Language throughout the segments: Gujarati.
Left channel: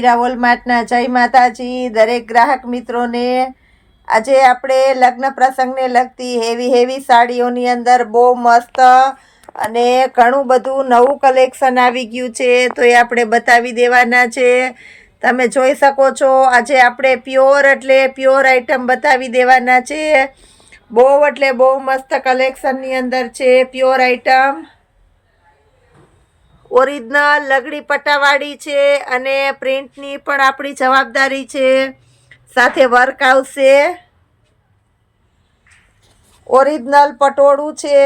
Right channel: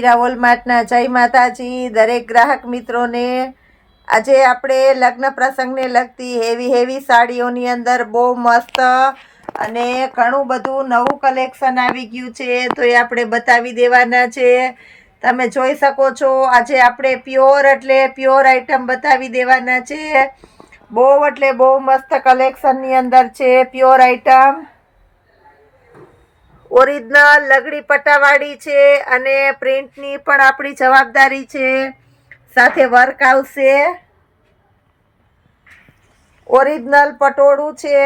મીરા વોલમાર્ટના જય માતાજી દરેક ગ્રાહક મિત્રોને। આજે આપણે લગ્ન પ્રસંગને લગતી હેવી સાડીઓની અંદર બહુ મસ્ત અને ઘણું બધું નવું કલેક્શન આવી ગયું છે, તો એ આપણે બતાવી દેવાના છે। તમે જોઈ શકો છો આજે આપણે પ્યોર આઈટમ બતાવી દેવાના છે। બહુ મસ્ત કલેક્શનની અંદર છે પ્યોર આઈટમ। ઓરિજિનલ લગડી પટ્ટાવાળી છે અને પ્રિન્ટની પણ આપણી જવાબદારી છે। સાથે વર્ક આવશે, ઓરિજિનલ પટોળું છે।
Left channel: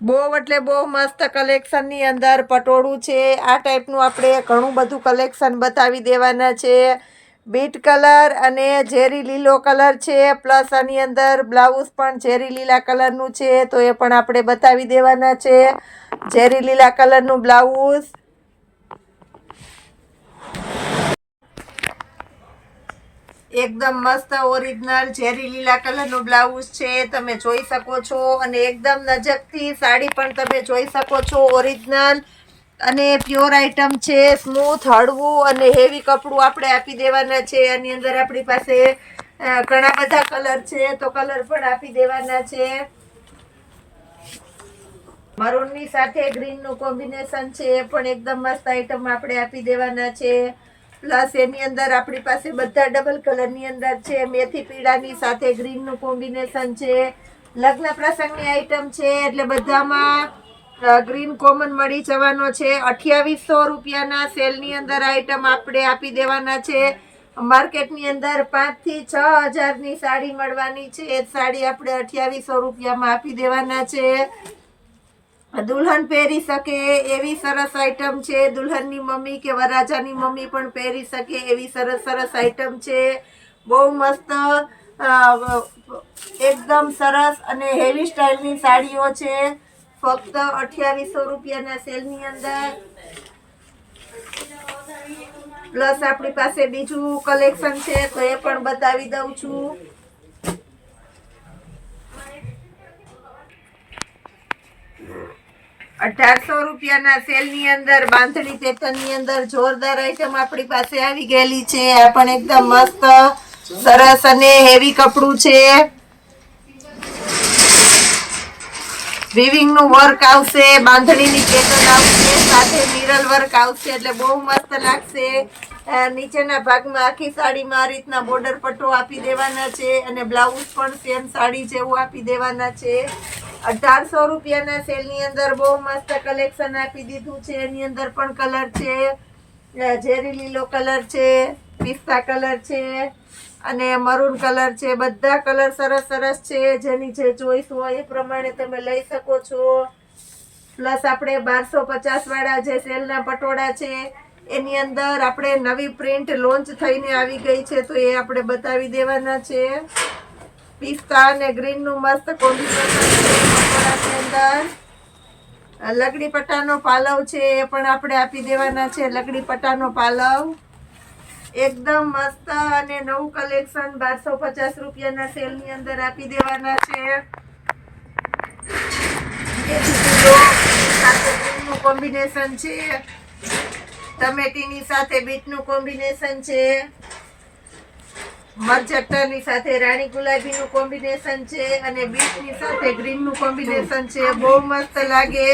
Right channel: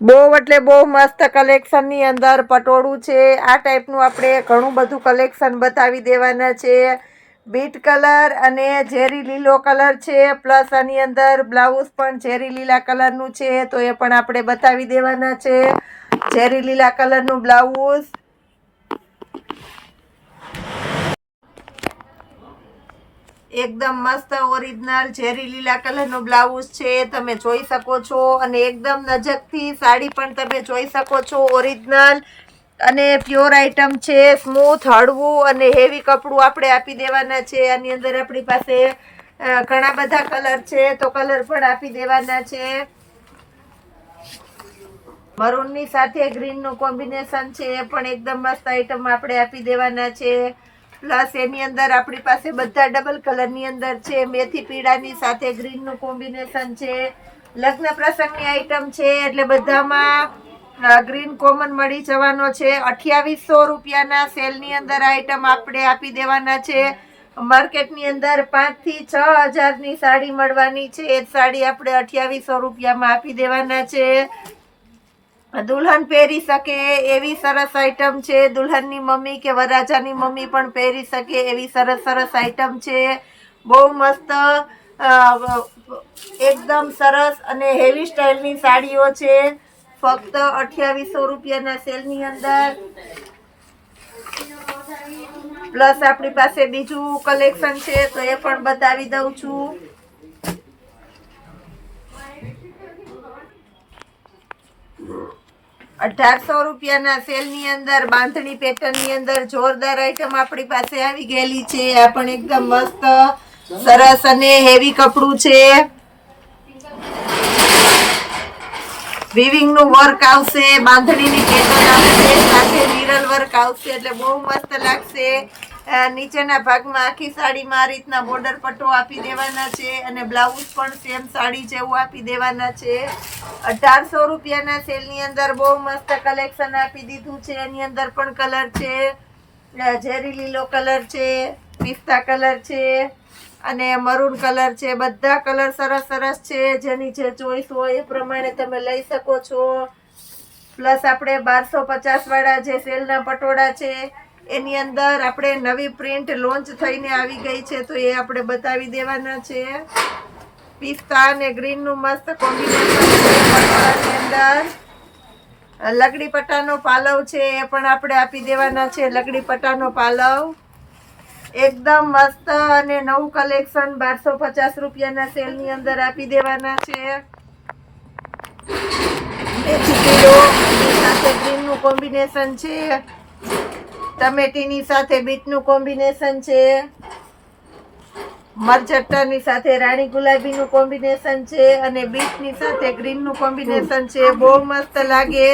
બહુ મસ્ત કલેક્શનની અંદર પટોળું છે। આ ટાઈપનું આપણે ઘણું બધું કલેક્શન બતાવી દેવાના છે। બીટ કલર અને ઝેરી લીલો કલર છે, પ્લસ આની અંદર બ્લાઉઝ પણ ઝેરી લીલા કલરનું છે, તો એ પણ આપણે બતાવી દેવાના છે। ઝેરી લીલા કલરનું બ્લાઉઝ, એકદમ મસ્ત ઓરિજિનલ ઝેરી લીલા કલરનું બ્લાઉઝ છે, તમે જોઈ શકો છો। અને એકદમ નજીકથી સાડી પણ તમે જોઈ શકો છો। ઓરિજિનલ અને પ્યોર આઈટમ છે, સ્મૂથ હળવું અને હેવી કપડું આપણે આપી દેવાના છે। આની અંદર આપણી પાસે ઘણા બધા કલર છે, તો કલર પણ આપી દેવાના છે। મરૂનની સાથે ગ્રીનનું કોમ્બિનેશન છે, એ પણ એકદમ મસ્ત આઈટમ આપણે આપી દેવાના છે। પ્લસ એની અંદર આપણી પાસે બધા ડબલ કલરની અંદર છે, મેથી પીળાની સાથે ગ્રીનનું કોમ્બિનેશન છે। લગ્ન પ્રસંગની આઈટમ છે એટલે બધામાં ગ્રીન કોમન મળી જવાનો છે। 2800 રૂપિયાના સેલની અંદર આઈટમ આપણે આપી દેવાના છે। માર્કેટની અંદર 5 થી 6 હજારની સાડી મળવાની છે, એ સાડી આપણે 2800 રૂપિયામાં આપી દેવાના છે। દુલ્હન પહેરી શકે એવી સરસ આઈટમ છે, દુલ્હનની મમ્મી કે વરરાજાની મમ્મી પણ પહેરી શકે એવી સરસ આઈટમ છે। બહુ મસ્ત એકદમ સરસ અને હેવી સ્ટાઇલની સાડીઓ છે, ફક્ત 2800 રૂપિયાના સેલની અંદર। પ્લસ આપણી પાસે બીજું કલેક્શન છે, તો એ પણ બતાવી દઉં છું। 1800 રૂપિયાના સેલની અંદર બાંધણી પેટર્નની અંદર જોરદાર આઈટમ આપણી પાસે આવી ગયેલી છે। આ પણ એકદમ મસ્ત સરસ અને હેવી કપડું છે। વિવિંગનું વર્ક આવશે, બાંધણીની પેટર્ન આવશે, સાથે મિરર વર્ક આવશે, એટલે બહુ મસ્ત લાગશે। નીચેના ભાગમાં આખી સાડીમાં આ રીતના બોર્ડર પટ્ટો આપી દેવાના છે અને બ્લાઉઝ પણ સેમ સાડી જેવું આપી દેવાના છે। 1800 રૂપિયાના સેલની અંદર બહુ મસ્ત કલેક્શન આપી દીધું છે। એની અંદર પણ કલર છે, ઝેરી લીલો કલર છે, પિસ્તા કલર છે અને મરૂન કલર છે। બધા કલર સરસ છે, જેની જે ચોઈસ હોય એ પ્રમાણે તમે લઈ શકો છો। પ્લસ આપણે 1250 વાળા જે સેલના પટોળા છે એની અંદર આપણે નવી પ્રિન્ટ લોન્ચ થઈને આવી ગઈ છે, તો એ આપણે બતાવી દેવાના છે। પિસ્તા અને ગ્રીનનું મસ્ત કોમ્બિનેશન છે પટોળાની અંદર। લગડી પટ્ટાનો પાલવ છે, એ પણ આપણે આપી દેવાના છે। લગડી પટ્ટાનો પાલવ એકદમ મસ્ત અને નવું કલેક્શન 1250 રૂપિયાના સેલની અંદર આપી દેવાના છે। મેથી પીળો સાથે ગ્રીનનું કોમ્બિનેશન છે, ટમેટીની સાથે બીટનું કોમ્બિનેશન છે, મરચટ્ટાની સાથે રાણી ગુલાબીનું કોમ્બિનેશન છે અને બીટની સાથે ગ્રીનનું કોમ્બિનેશન છે। બહુ મસ્ત લાગે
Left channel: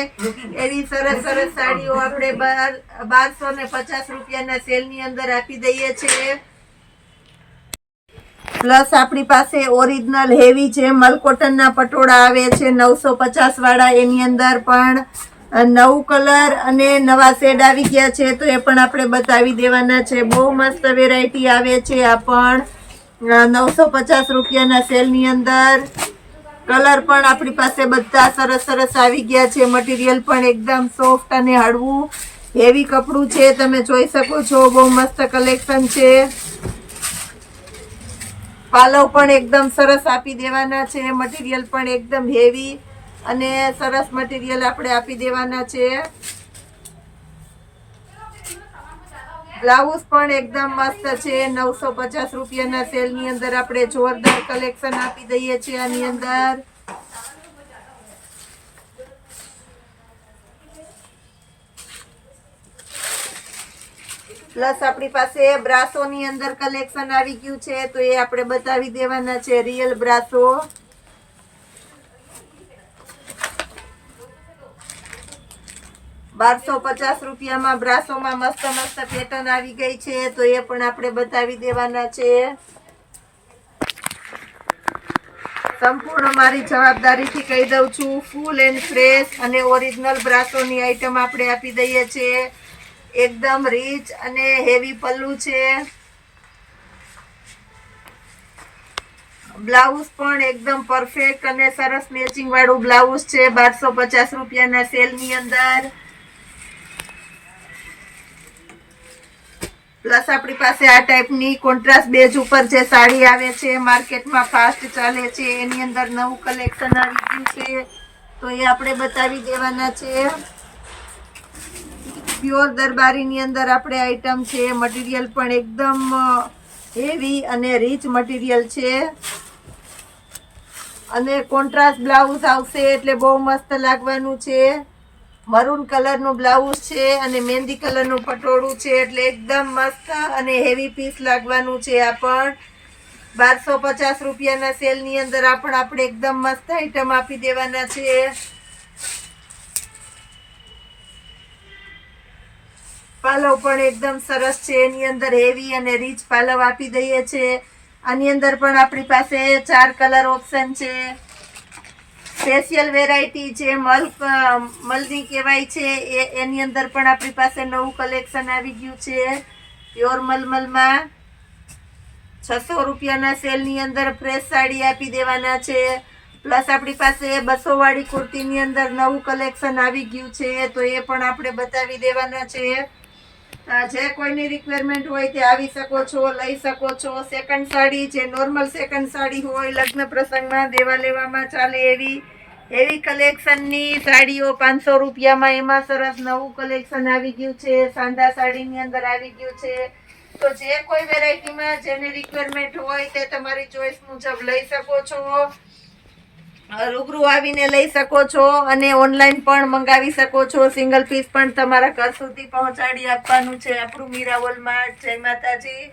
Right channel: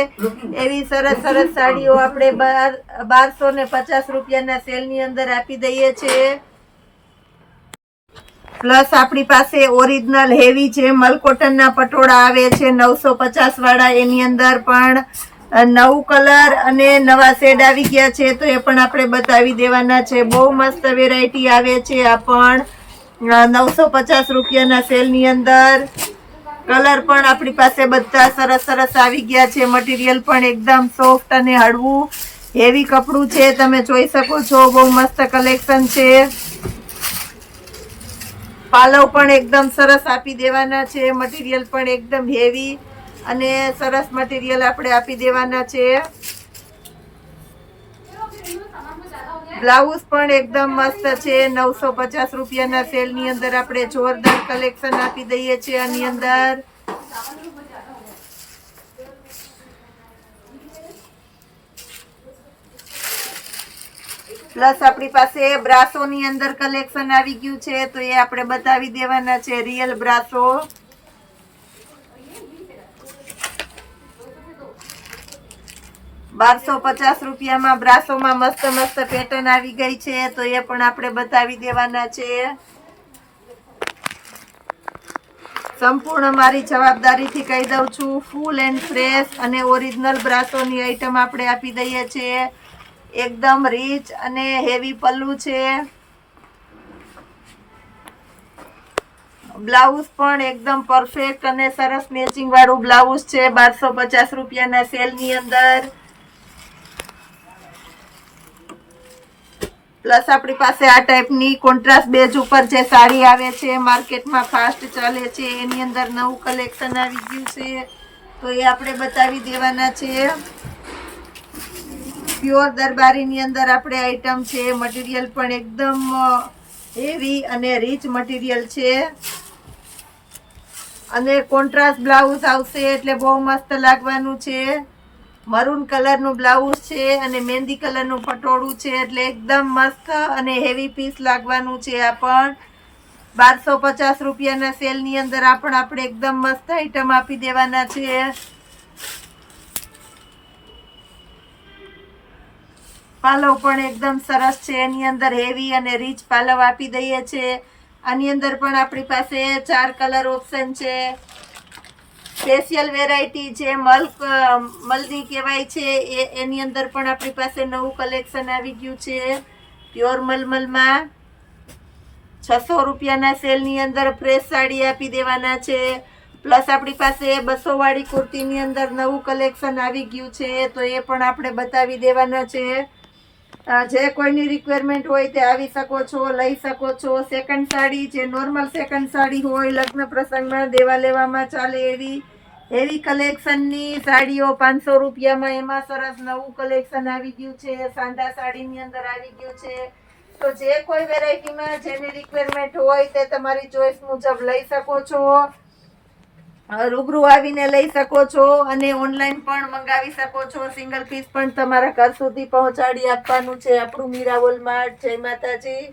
એવી સરસ સાડીઓ આપણે 1250 રૂપિયાના સેલની અંદર આપી દઈએ છીએ। પ્લસ આપણી પાસે ઓરિજિનલ હેવી જે મલકોટનના પટોળા આવે છે 950 વાળા, એની અંદર પણ નવું કલર અને નવા શેડ આવી ગયા છે, તો એ પણ આપણે બતાવી દેવાના છે। બહુ મસ્ત વેરાયટી આવે છે, આ પણ 950 રૂપિયાના સેલની અંદર। કલર પણ આપણી પાસે બધા સરસ આવી ગયા છે। મટીરિયલ પણ એકદમ સોફ્ટ અને હળવું હેવી કપડું છે, તમે જોઈ શકો છો। બહુ મસ્ત કલેક્શન છે। પાલવ પણ એકદમ સરસ આપી દેવાના છે। મટીરિયલ પણ એકદમ હેવી અને સરસ મટીરિયલ આપણે આપી દેવાના છે। બ્લાઉઝ પણ એકદમ મસ્ત છે। 950 રૂપિયાના સેલની અંદર આપણે જોરદાર કલેક્શન આપી દઈએ છીએ। આની અંદર પ્લસ આપણી પાસે બ્રાસોની અંદર કલેક્શન આવી ગયું છે, તો એ આપણે બતાવી દેવાના છે. રિયલ બ્રાસો 1250 રૂપિયામાં બ્રાસોમાં મસ્ત મસ્ત પેટર્ન આવી ગઈ છે, તો એ પણ આપણે બતાવી દેવાના છે. સંપૂર્ણ મારી જવાબદારીથી કહી દઉં છું, ફૂલ એન્ડ ફ્રેશ અને ઓરિજિનલ બ્રાસોની આઈટમ આપણે આપી દઈએ છીએ. એકદમ રીચ અને હેવી પલ્લુ છે. બ્લાઉઝ પણ એકદમ પરફેક્ટ અને સરસ મેચિંગ વાળું બ્લાઉઝ છે 1250 રૂપિયાના સેલની અંદર. પ્લસ આપણી પાસે આ ટાઈપની કોન્ટ્રાસ્ટ બેઝ ઉપર જે સાડી આવે છે, માર્કેટમાં ફાસ્ટ ચાલે છે, એની અંદર નવું કલેક્શન આવી ગયું છે, તો એ આપણે બતાવી દેવાના છે. પ્યોર દરબારીની અંદર આપણે આઈટમ છે. મટીરિયલ પણ એકદમ હેવી અને રીચ મટીરિયલ છે અને કોન્ટ્રાસ્ટ બ્લાઉઝ આવશે એટલે બહુ મસ્ત લાગવાનું છે. મરૂન કલરનું બ્લાઉઝ છે અને મહેંદી કલરનું પટોળું છે, એટલે એકદમ મસ્ત અને હેવી પીસ લાગવાનું છે. આ પણ 1250 રૂપિયાના સેલની અંદર આપણે એકદમ મસ્ત આઈટમ આપી દેવાના છે. પાલવ પણ એકદમ સરસ છે, એની અંદર હેવી અને રીચ પાલવ આપી દઈએ છે. આની અંદર પણ આપણી પાસે 4 કલર ઓપ્શન છે. સ્પેશિયલ વેરાયટી જે મલની કહેવાય છે, એની અંદર પણ આપણી પાસે નવું કલેક્શન આવી ગયું છે. પ્યોર મલમલમાં 600 રૂપિયાના સેલની અંદર ફ્રેશ સાડી આપી દેવાના છે. પ્લસ આપણી પાસે 200 વાળી કુર્તીની અંદર નવું કલેક્શન આવી ગયું છે, તો એ પણ આપણે બતાવી દેવાના છે. જે કોઈની રિક્વાયરમેન્ટ હોય તે આવી શકો છો, લઈ શકો છો. સેકન્ડ સાડી જે નોર્મલ સેકન્ડ સાડી હોય, લગ્ન પ્રસંગમાં દેવા લેવામાં ચાલે એવી કલેક્શનની સાડીઓ 500 રૂપિયામાં, એમાં સરસ નવું કલેક્શન આવી ગયું છે. સાંધા સાડીની અંદર આવી ગયું છે. તો જે કોઈ વેરાયટીમાં જેની રિક્વાયરમેન્ટ હોય તે તમારી ચોઈસ મુજબ લઈ શકો છો. રૂબરૂ આવીને લઈ શકો છો અને ઓનલાઈન પણ મંગાવી શકો છો. સિંગલ પીસ પણ તમારા ઘર સુધી પહોંચાડી આપવાનું છે આપણું મીરા વોલમાર્ટ. જય માતાજી.